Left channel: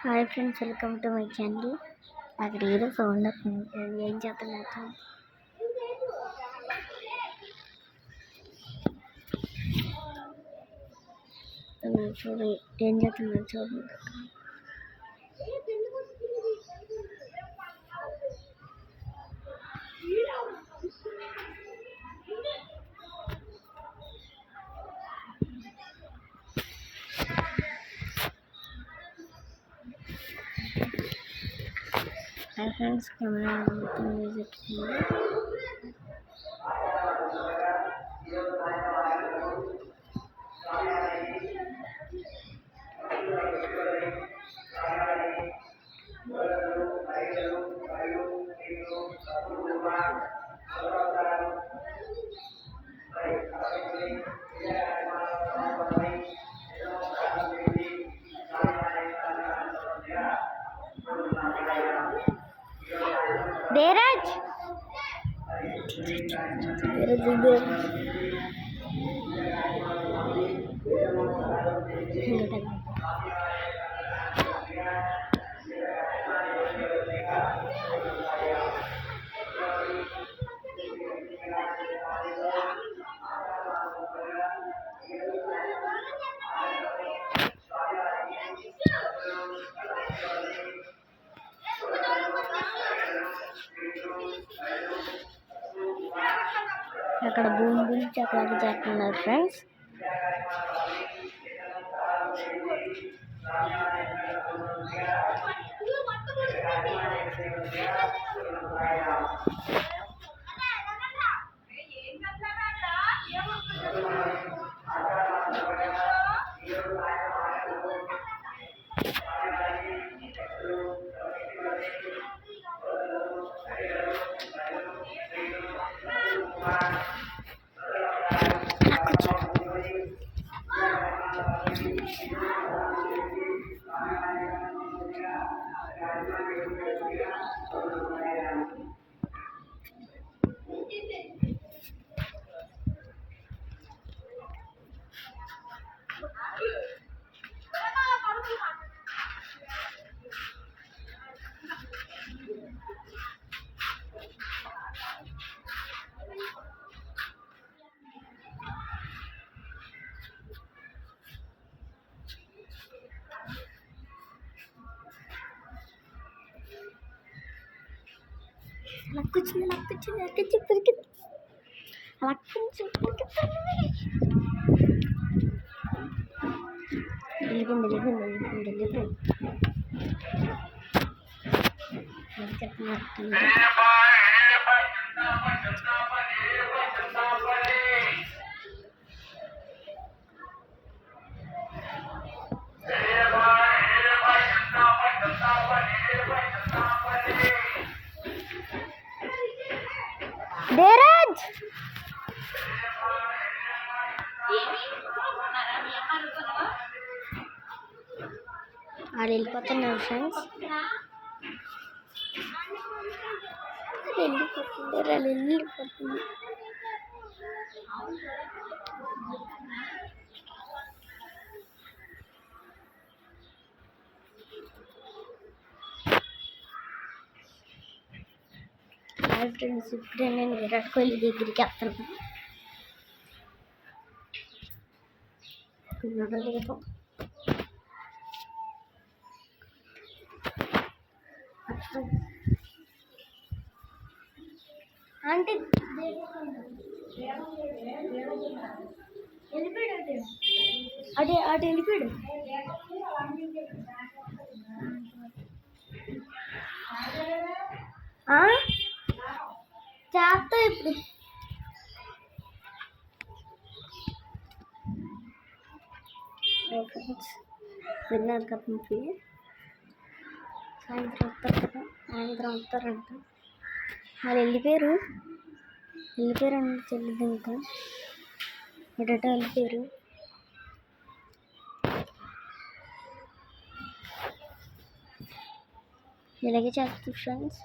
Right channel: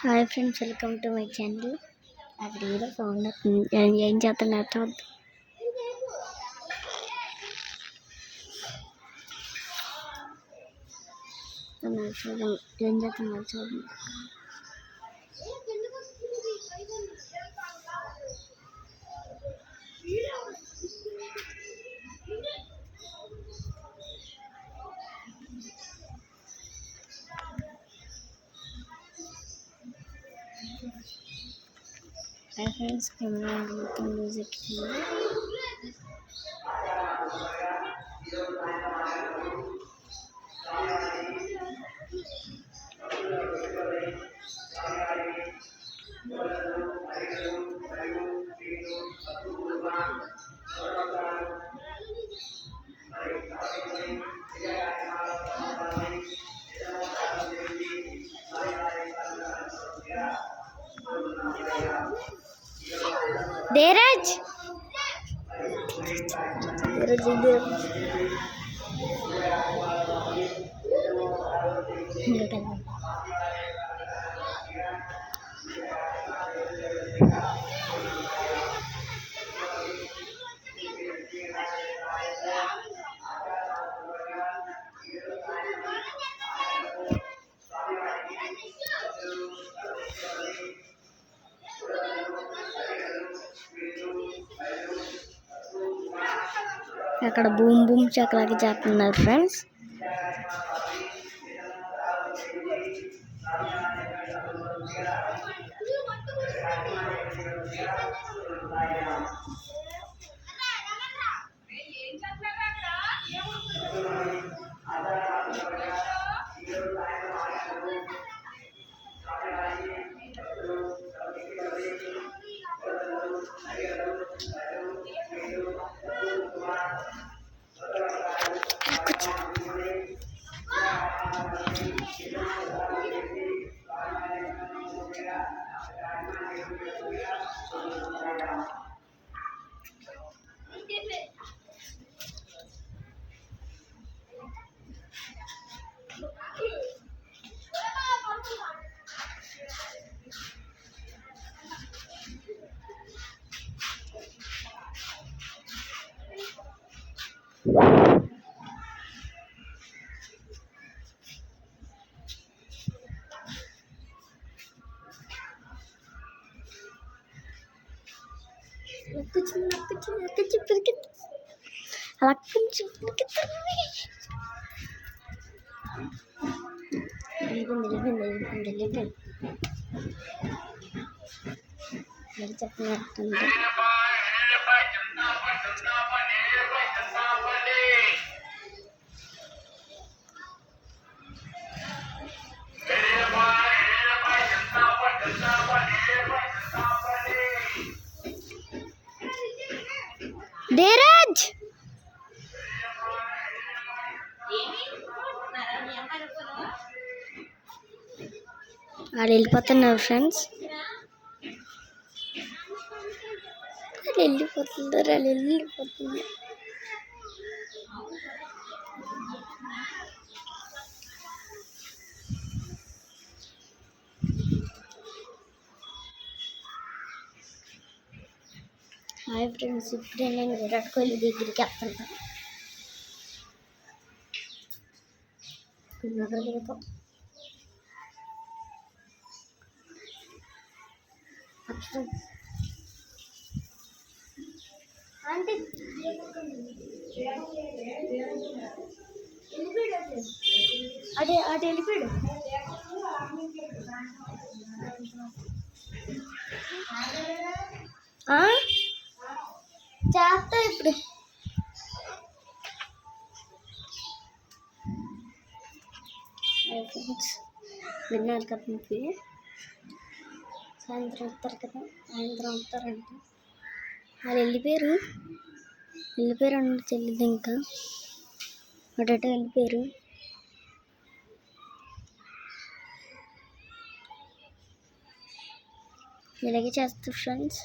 Hi friends, welcome to my channel. అక్కడ ఏదో sound వస్తుంది. ఏం చేస్తున్నారు చూద్దాం. ఏం చేస్తున్నారు చూడండి. Hi friends, camera music Dheeraj అక్కడ బూమ్ బూమ్ చక్రాకి చేస్తున్నారు ఫ్రెండ్స్. ధీరజ్ వాళ్ళు వెళ్ళిపోతున్నారు ఫ్రెండ్స్. వెళ్ళిపోతున్నారు. హాయ్ ఫ్రెండ్స్, ఇప్పుడే నేను విరాట్ కోహ్లీ దగ్గరికి వెళ్తున్నాను. అంటే అటు వెళ్ళిపోయాడు. చేస్తా ఇప్పుడు. ఫ్రెండ్స్, విన్నారు కదా, మీకు సాయంత్రం వస్తారు కదా, సాయంత్రం వస్తారంట. వాళ్ళు వెళ్ళిపోయారు అంటే తెలియదు. ఇంకా అటో వెళ్ళిపోయారు. ఇలాగే చేస్తారు friends.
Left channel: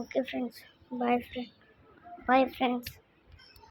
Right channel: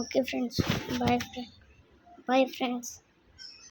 Okay friends, bye friends.